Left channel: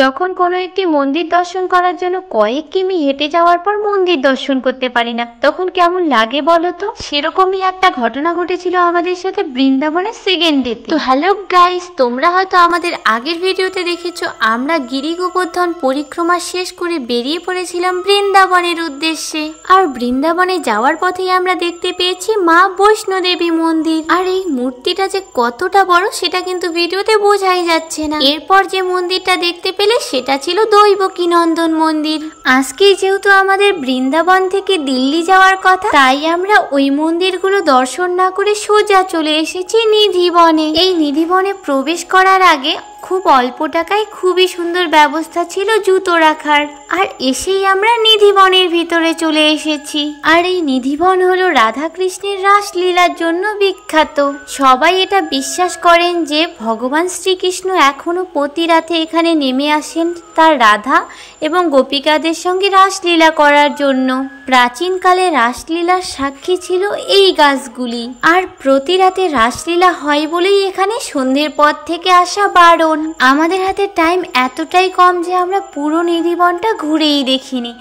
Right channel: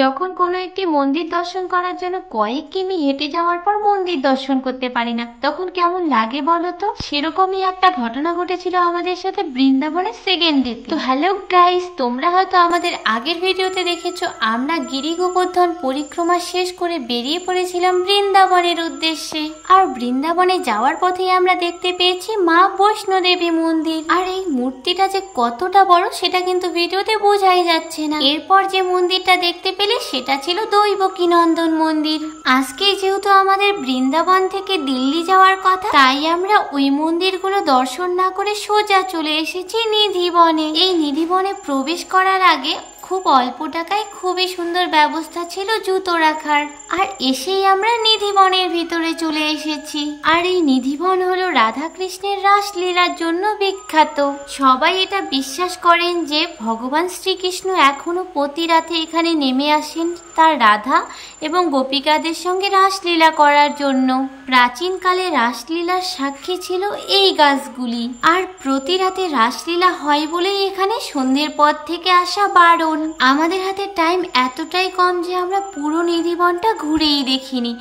যখন কোনো একটি মন্দির দর্শন করার জন্য কয়েক কিমি হেঁটে যাওয়ার পর মন্দির দর্শন করতে পারি না, তখন কেমন লাগে বলো তো? সেরকমই একটা ঘটনা ঘটেছিল আমাদের সাথে বৃন্দাবনের সেকেন্ড ডে। তো হ্যালো গাইস, তোমরা হয়তো আমাদের আগের ভিডিওতে দেখেছো আমরা গিরি গোবর্ধন পরিক্রমা শেষ করে বেরিয়ে পড়েছিলাম বৃন্দাবনের উদ্দেশ্যে। আর বৃন্দাবনে যাওয়ার পথেই আমরা দেখতে পেয়েছি মা বৈষ্ণোদেবী মন্দির। আর এই মূর্তিটা যে কতটা বড় সেটা কিন্তু ভিডিওতে বোঝাই যাচ্ছে না। এরপর যে মন্দিরটা দেখতে পেলে সেটা ছিল দৈবকীনন্দন মন্দির। আজকে যেহেতু আমাদের বৃন্দাবন থেকে দিল্লি যাওয়ার কথা, তাই আমরা ওই মন্দিরগুলো দর্শন না করে সোজা চলে এসেছি নিধিবনে। এই নিধিবনে প্রবেশ করার আগে খুব অল্প টাকায় খুবই সুন্দর ব্যবস্থা ছিল জুতো রাখার। আর এসেই আমরা নিধিবনের ভিতরে চলে এসেছি। আর এই নিধিবন হলো রাধা কৃষ্ণের রাসলীলার জন্য বিখ্যাত। সবাই এটা বিশ্বাস করেন যে ভগবান শ্রীকৃষ্ণ এখনো প্রতি রাতে এখানে নেমে আসেন তার রাধা এবং গোপিকাদের সঙ্গে রাসলীলা করার জন্য। প্রাচীনকালে রাসলীলার সাক্ষী ছিল এই গাছগুলি। আর প্রতি রাতে রাসলীলা হয় বলেই এখানে সন্ধ্যের পর থেকে আসা বারণ। আমাদের হাতে টাইম এতটাই কম যে আমরা পুরো নিধিবনটা ঘুরেই দেখিনি।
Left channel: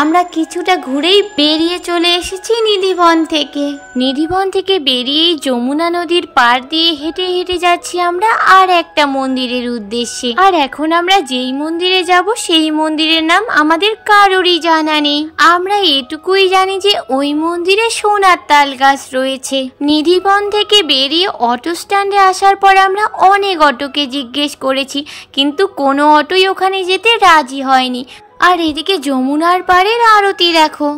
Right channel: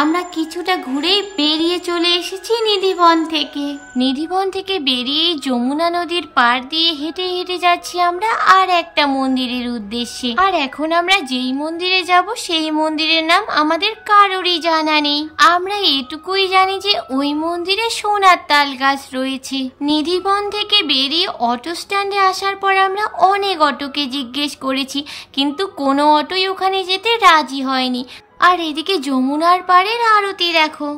আমরা কিছুটা ঘুরেই বেরিয়ে চলে এসেছি নিধিবন থেকে। নিধিবন থেকে বেরিয়েই যমুনা নদীর পাড় দিয়ে হেঁটে হেঁটে যাচ্ছি আমরা আর একটা মন্দিরের উদ্দেশ্যে। আর এখন আমরা যেই মন্দিরে যাব সেই মন্দিরের নাম আমাদের কারোরই জানা নেই। আমরা এটুকুই জানি যে ওই মন্দিরে সোনার তাল গাছ রয়েছে। নিধিবন থেকে বেরিয়ে অটো স্ট্যান্ডে আসার পর আমরা অনেক অটোকে জিজ্ঞেস করেছি, কিন্তু কোনো অটোই ওখানে যেতে রাজি হয়নি। আর এদিকে যমুনার পাড়ের আরতি দেখো।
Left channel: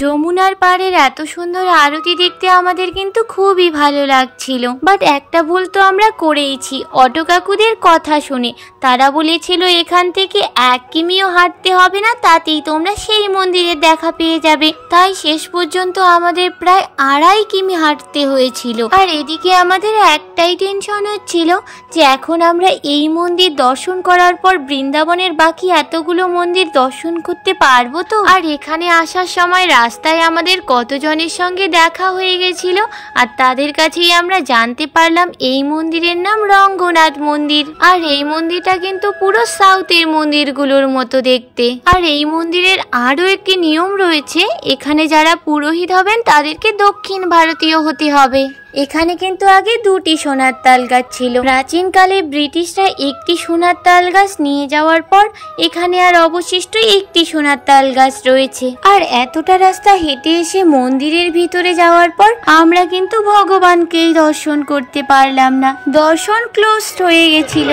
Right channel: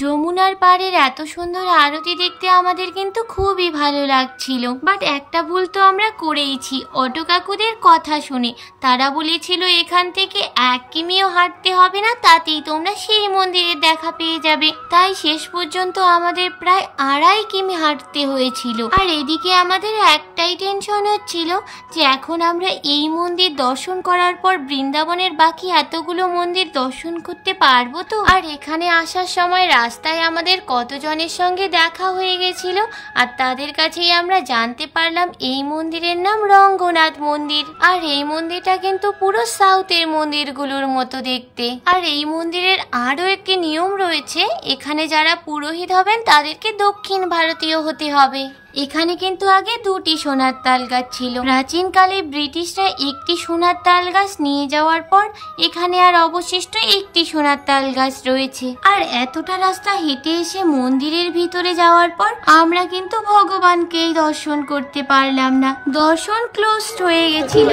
যমুনার পাড়ের এত সুন্দর আরতি দেখতে আমাদের কিন্তু খুবই ভালো লাগছিল। বাট একটা ভুল তো আমরা করেইছি অটো কাকুদের কথা শুনে। তারা বলেছিল এখান থেকে 1 কিমিও হাঁটতে হবে না, তাতেই তোমরা সেই মন্দিরের দেখা পেয়ে যাবে। তাই শেষ পর্যন্ত আমাদের প্রায় 2.5 কিমি হাঁটতে হয়েছিল। আর এদিকে আমাদের একটাই টেনশন হচ্ছিল যে এখন আমরা এই মন্দির দর্শন করার পর বৃন্দাবনের বাকি এতগুলো মন্দির দর্শন করতে পারবো তো। আর এখানে আসার সময় রাস্তায় আমাদের কতজনের সঙ্গে দেখা হয়ে গেছিল, আর তাদের কাছেই আমরা জানতে পারলাম এই মন্দিরের নাম রঙ্গনাথ মন্দির। আর এই মন্দিরটা কিন্তু পুরো সাউথের মন্দিরগুলোর মতো দেখতে। আর এই মন্দিরের আরো একটি নিয়ম রয়েছে, এখানে যারা পুরোহিত হবেন তাদেরকে দক্ষিণ ভারতীয় হতে হবে। এখানে কিন্তু আগে 2টি সোনার তাল গাছ ছিল। প্রাচীনকালে ব্রিটিশরা একটি সোনার তাল গাছ নিয়ে যাওয়ার পর এখানে আর অবশিষ্ট একটি সোনার তাল গাছ রয়েছে। আর এতটা রাস্তা হেঁটে এসে মন্দিরের ভিতরে যাওয়ার পর আমরা কিন্তু ভগবানকেই দর্শন করতে পারলাম না, দর্শন ক্লোজড হয়ে গেছিল।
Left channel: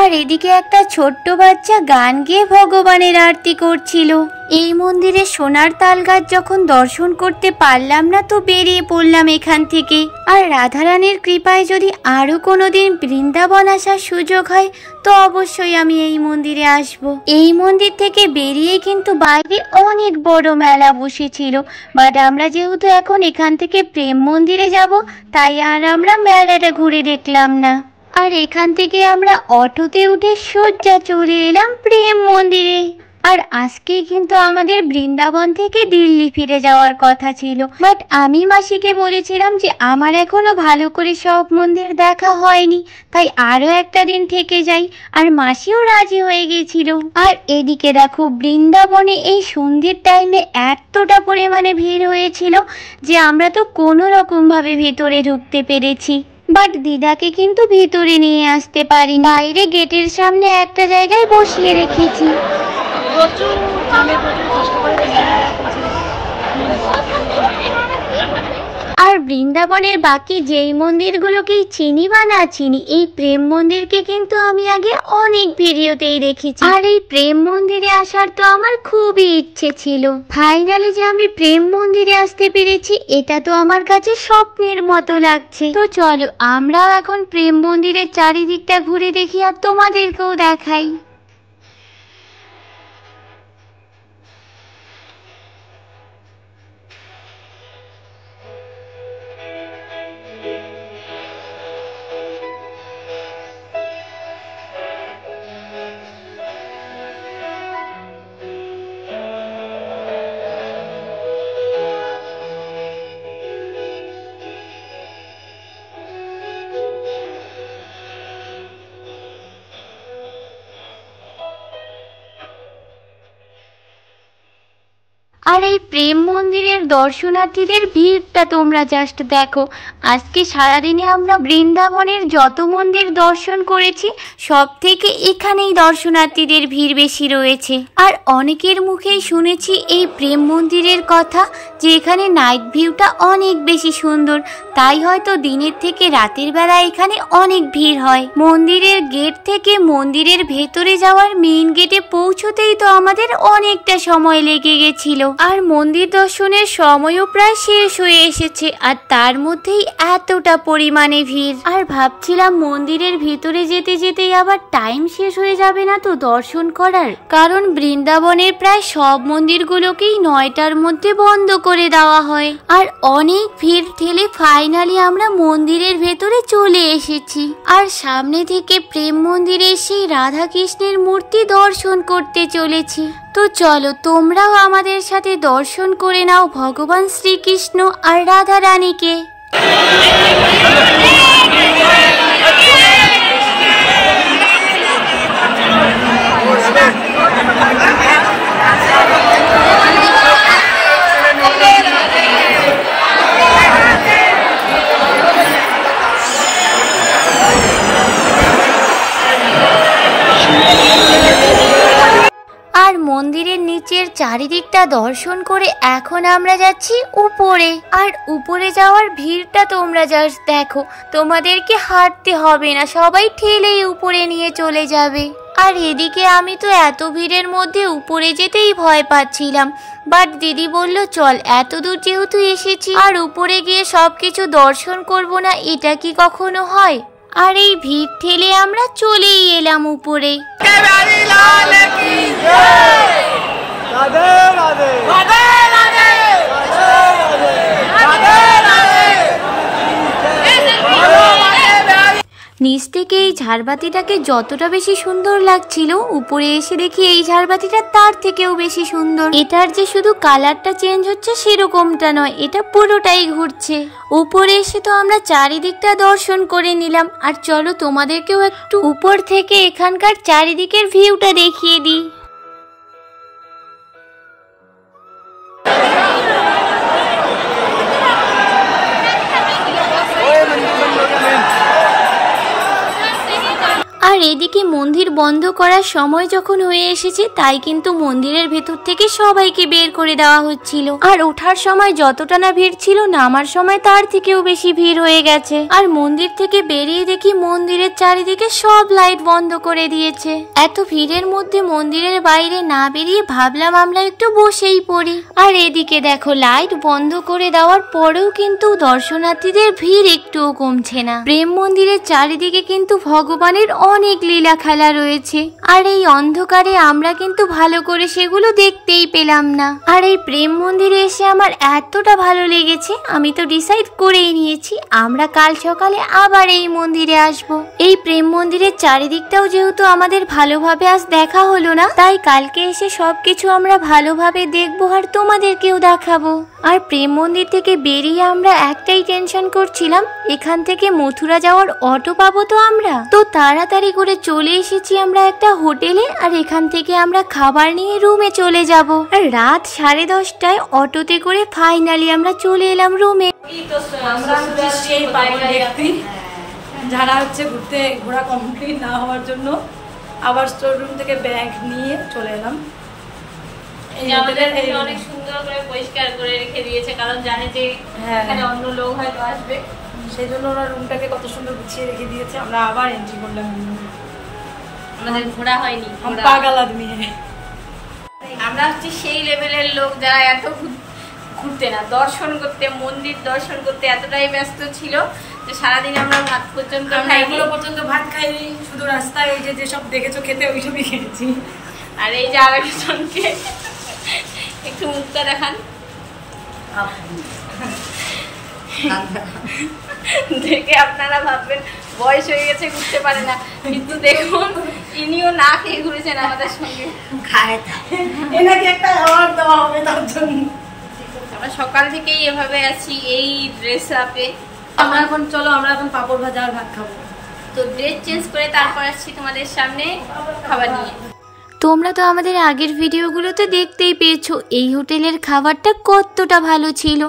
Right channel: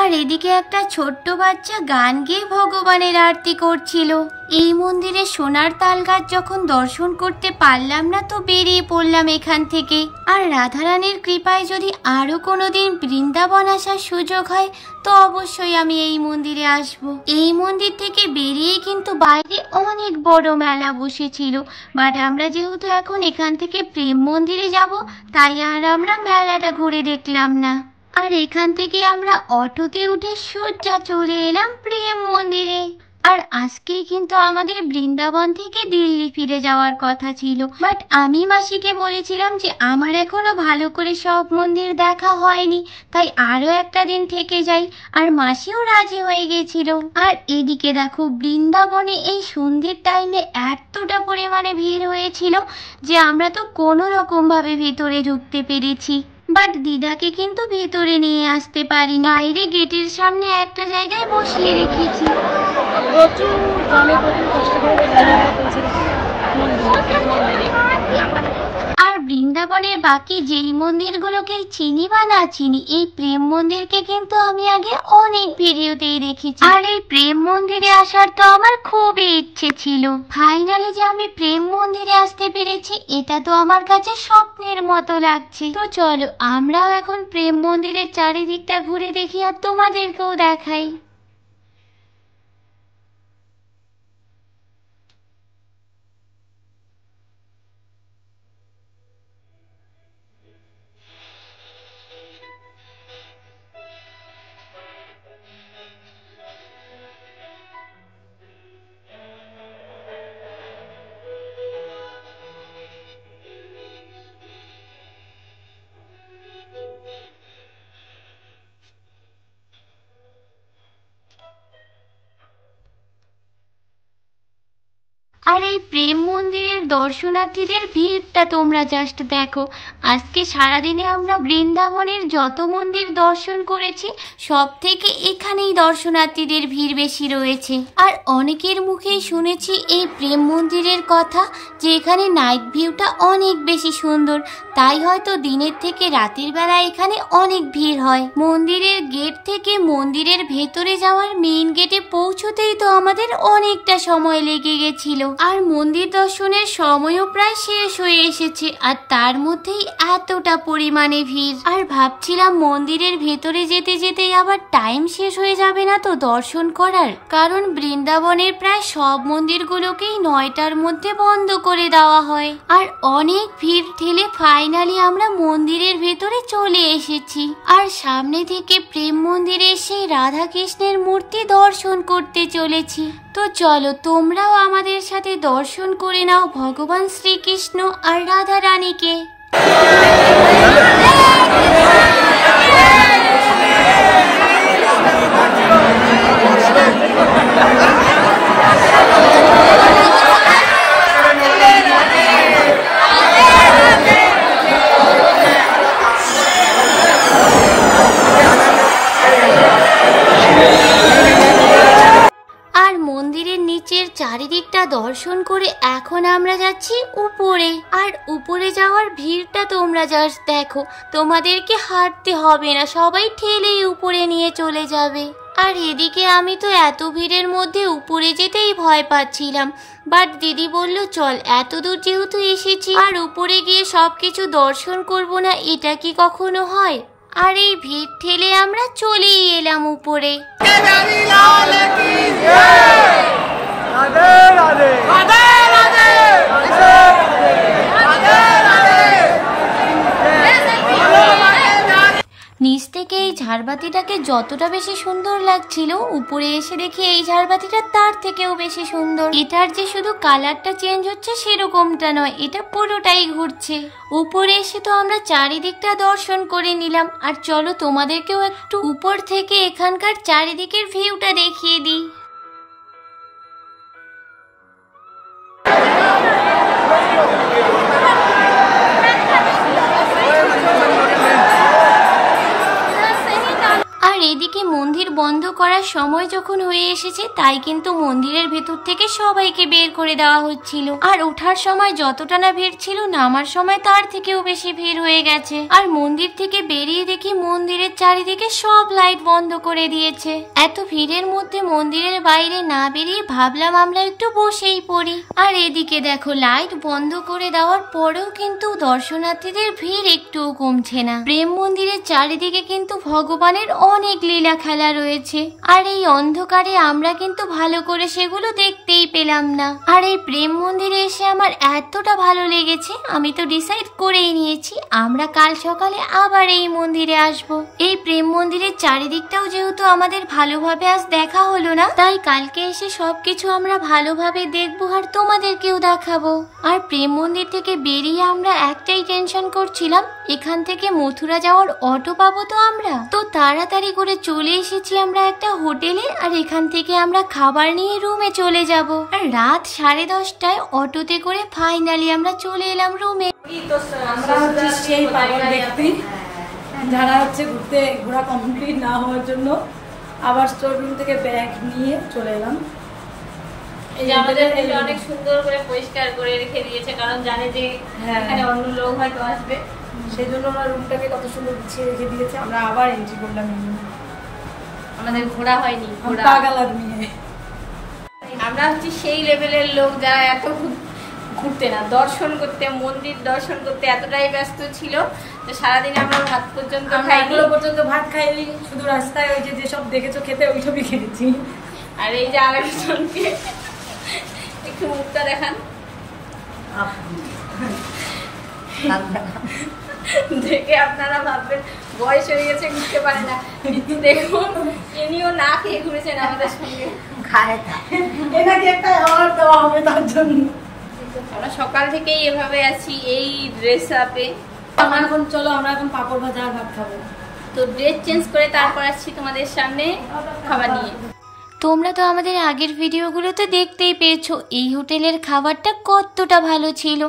আর এদিকে একটা ছোট্ট বাচ্চা গান গেয়ে ভগবানের আরতি করছিল। এই মন্দিরে সোনার তাল গাছ যখন দর্শন করতে পারলাম না, তো বেরিয়ে পড়লাম এখান থেকে। আর রাধারানীর কৃপায় যদি আরো কোনোদিন বৃন্দাবন আসার সুযোগ হয় তো অবশ্যই আমি এই মন্দিরে আসব। এই মন্দির থেকে বেরিয়ে কিন্তু বাইরে অনেক বড় মেলা বসেছিল। বাট আমরা যেহেতু এখন এখান থেকে প্রেম মন্দিরে যাব, তাই আর আমরা মেলাটা ঘুরে দেখলাম না। আর এখান থেকে আমরা অটোতে উঠে সোজা চলে এলাম প্রেম মন্দিরে। আর আজকে কিন্তু আমাদের বৃন্দাবন থেকে দিল্লি ফিরে যাওয়ার কথা ছিল, বাট আমি মাসিকে বলেছিলাম যে আমার এখনো ভালো করে সব মন্দির দেখা হয়নি, তাই আরো একটা দিন থেকে যাই। আর মাসিও রাজি হয়ে গেছিল। আর এদিকে দেখো বৃন্দাবনে এই সন্ধ্যের টাইমে এতটা পরিমাণে ভিড় হয়েছিল যে আমরা তো কোনো রকম ভাবে ভিতরে ঢুকতে পেরেছি। বাট দিদাকে কিন্তু ভিতরে নিয়ে আসতে পারি, বাইরে গেটের সামনে একটা জায়গায় বসিয়ে রেখেছি। আর বৃন্দাবনের বাকি যেই মন্দিরগুলোকেই চিনি বা না চিনি, এই প্রেম মন্দিরকে কিন্তু আমি আগে অনেক ভিডিওতেই দেখেছি। আর এই প্রেম মন্দিরে আসার তো আমার খুবই ইচ্ছে ছিল। ফাইনালি যে আমি প্রেম মন্দিরে আসতে পেরেছি, এটা তো আমার কাছে স্বপ্নের মতো লাগছে। তো চলো আমরাও এখন প্রেম মন্দিরের চারিদিকটা ঘুরে দেখি আর তোমাদেরকেও দেখাই। এই প্রেম মন্দিরের দর্শনার্থীদের ভিড়টা তোমরা জাস্ট দেখো। আজকে সারাদিনে আমরা বৃন্দাবনের যত মন্দির দর্শন করেছি সব থেকে এখানেই দর্শনার্থীদের ভিড় বেশি রয়েছে। আর অনেকের মুখেই শুনেছি এই প্রেম মন্দিরের কথা, যে এখানে নাইট ভিউটা অনেক বেশি সুন্দর, তাই হয়তো দিনের থেকে রাতের বেলা এখানে অনেক ভিড় হয়। মন্দিরের গেট থেকে মন্দিরের ভেতরে যাওয়ার মেইন গেটে পৌঁছতেই তো আমাদের অনেকটা সময় লেগে গেছিল। আর মন্দির দর্শনের সময়ও প্রায় শেষ হয়ে এসেছে, আর তার মধ্যেই এতটা পরিমাণে ভিড়। আর ভাবছিলাম মন্দিরের ভেতরে যেতে যেতেই আবার টাইম শেষ হয়ে যাবে না তো দর্শন করার, কারণ বৃন্দাবনের প্রায় সব মন্দিরগুলোকেই 9টার মধ্যে বন্ধ করে দেওয়া হয়। আর অনেক ভিড় ঠেলে ফাইনালি আমরা মন্দিরের ভেতরে চলে এসেছি। আর সামনে থেকে প্রেম মন্দিরের সেই রাধা কৃষ্ণের মূর্তি দর্শন করতে চলেছি। তো চলো তোমরাও আমাদের সাথে দর্শন করে নাও ভগবান শ্রীকৃষ্ণ আর রাধা রানীকে। আর মন্দিরের নিচের চারিদিকটা দর্শন করে এখন আমরা যাচ্ছি উপরে। আর উপরে যাওয়ার ভিড়টা তোমরা জাস্ট দেখো, তোমাদেরকে হাঁটতে হবে না, সবাই ঠেলেই উপরে নিয়ে চলে যাবে। আর এদিকে আমি তো এত ভিড়ের মধ্যে উপরে যেতেই ভয় পাচ্ছিলাম, বাট দিদি বলল চল, এত দূর যেহেতু এসেছি আর উপরে গিয়ে সবকিছু দর্শন করব না, এটা কি কখনো হয়। আর এই ভিড় ঠেলে আমরা চলেই এলাম উপরে। নিচ থেকে এই ঝাড়বাতিটাকে যতটা বেশি সুন্দর লাগছিল, উপরে এসে দেখি এই ঝাড়বাতিটা তার থেকেও বেশি সুন্দর। এটার যে শুধু কালারটা চেঞ্জ হচ্ছে সেরকমটা নয়, এটা পুরোটাই ঘুরছে। উপরে এসে তো আমরা চারিদিকটা দর্শন করে নিলাম, আর চলো তোমাদেরকেও একটু উপর থেকে এখানকার চারিদিকের ভিউটা দেখিয়ে দিই। আর এদিকে মন্দির বন্ধ করার সময় যখন হয়ে এসেছে, তাই কিন্তু মন্দিরের ভেতর থেকে সবাইকে বের করে দেওয়া হচ্ছিল। আর ওঠার সময় যতটা না ভিড় ছিল, নামার সময় তার থেকেও বেশি ভিড় হয়ে গেছে। আর মন্দির থেকে বেরিয়ে দেখি মন্দিরের চারিদিকে সব লাইট বন্ধ করে দিয়েছে। এত ভিড়ের মধ্যে মন্দিরের বাইরে না বেরিয়ে ভাবলাম আমরা একটু বসেই পড়ি। আর এদিকে দেখো, লাইট বন্ধ করে দেওয়ার পরেও কিন্তু দর্শনার্থীদের ভিড় একটুও কমছে না। প্রেম মন্দিরের চারিদিকে কিন্তু ভগবানের অনেক লীলা খেলা রয়েছে, আর এই অন্ধকারে আমরা কিন্তু ভালো করে সেগুলো দেখতেই পেলাম না। আর এই প্রেম মন্দিরে এসে আমার এতটা ভালো লেগেছে, আমি তো ডিসাইড করেই নিয়েছি আমরা কাল সকালে আবার এই মন্দিরে আসব। এই প্রেম মন্দিরের চারিদিকটাও যেহেতু আমাদের ভালোভাবে আজ দেখা হলো না, তাই কালকে এসে সবকিছু আমরা ভালোভাবে দেখবো আর তোমাদেরকেও দেখাবো। আর প্রেম মন্দির থেকে বেরিয়ে আমরা একটাই টেনশন করছিলাম, এখান থেকে মথুরা যাওয়ার অটো পাবো তো আমরা। তো তাড়াতাড়ি করে চলে এসেছি আমরা একটা হোটেলে, আর এখান থেকে আমরা খাবার নিয়ে রুমে চলে যাব। আর রাত 10:30টায় অটোতে করে ফাইনালি আমরা চলে এলাম রুমে। আমরা হচ্ছে সেই পাগল ব্যক্তি যারা হচ্ছে ঘোরা কমপ্লিট না হওয়ার জন্য আবার স্টোর রুম থেকে ব্যাগ নিয়ে চলে এলাম। আমাদের অনেক সুন্দর করে পরিষ্কার করে রেখে দিয়েছে, কারণ জানে যে এখানে অন্য লোক হয়তো আসবে, সেই জন্য ওনার রুমটাকে কত সুন্দর গুছিয়ে রেখে দিয়েছে। আমরা আবার এন্ট্রি করলাম। আমাদের ঘোরা হয়নি, পাগল আদমি আমরা হচ্ছে সেই লেভেলের লোক যারা এত ঘুরতে না, দর্শন করতে, মন্দির দর্শন করতে এতটাই ব্যস্ত ছিল যে সারাদিন আমরা ভাত পর্যন্ত খাইনি, শুধু রাস্তায় ওই যে যেসব দেখেছো খেতে ওইসবই খেয়েছি। আর এই যে আরেকজনকে একটু মুখটা দেখান, দেখে আপনারা ভাববেন বয়স হয়ে গেছে ঘুরতে পারে না, কিন্তু দেখুন ইনিও না খেয়ে ঘুরেছেন আমাদের সঙ্গে। এনাকে একটা অ্যাওয়ার্ড দেওয়া হবে তার জন্য। আমরা সকাল থেকেই এভাবে আছি এই ড্রেস আপে। এখন চলো আমরা এখন পাপড় ভাজা আর ভাত খাবো। তো ড্রেস চেঞ্জ করে তারপর আসছি তোমাদের সামনে খাবার নিয়ে। তোমরা তো আমাদের আগের ভিডিওগুলোতে দেখতেই পেয়েছো এই হোটেলের খাবারটা কতটা ভালো ছিল,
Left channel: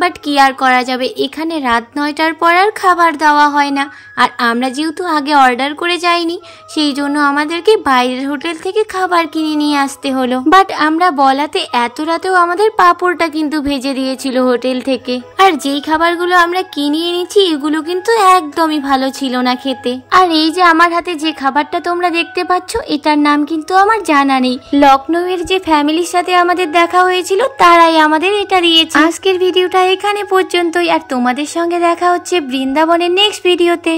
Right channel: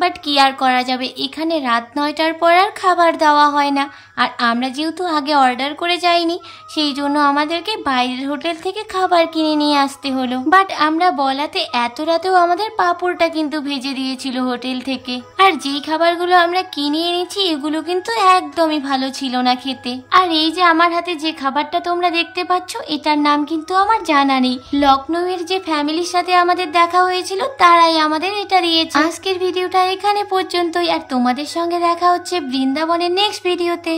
বাট কি আর করা যাবে, এখানে রাত 9টার পর আর খাবার দেওয়া হয় না। আর আমরা যেহেতু আগে অর্ডার করে যাইনি, সেই জন্য আমাদেরকে বাইরের হোটেল থেকে খাবার কিনে নিয়ে আসতে হলো। বাট আমরা বলাতে এত রাতেও আমাদের পাঁপড়টা কিন্তু ভেজে দিয়েছিল হোটেল থেকে। আর যেই খাবারগুলো আমরা কিনে এনেছি এগুলো কিন্তু একদমই ভালো ছিল না খেতে। আর এই যে আমার হাতে যে খাবারটা তোমরা দেখতে পাচ্ছ, এটার নাম কিন্তু আমার জানা নেই। লখনৌয়ের যে ফ্যামিলির সাথে আমাদের দেখা হয়েছিল তারাই আমাদের এটা দিয়েছে। আজকের ভিডিওটা এখানে পর্যন্তই, আর তোমাদের সঙ্গে দেখা হচ্ছে বৃন্দাবনের নেক্সট ভিডিওতে।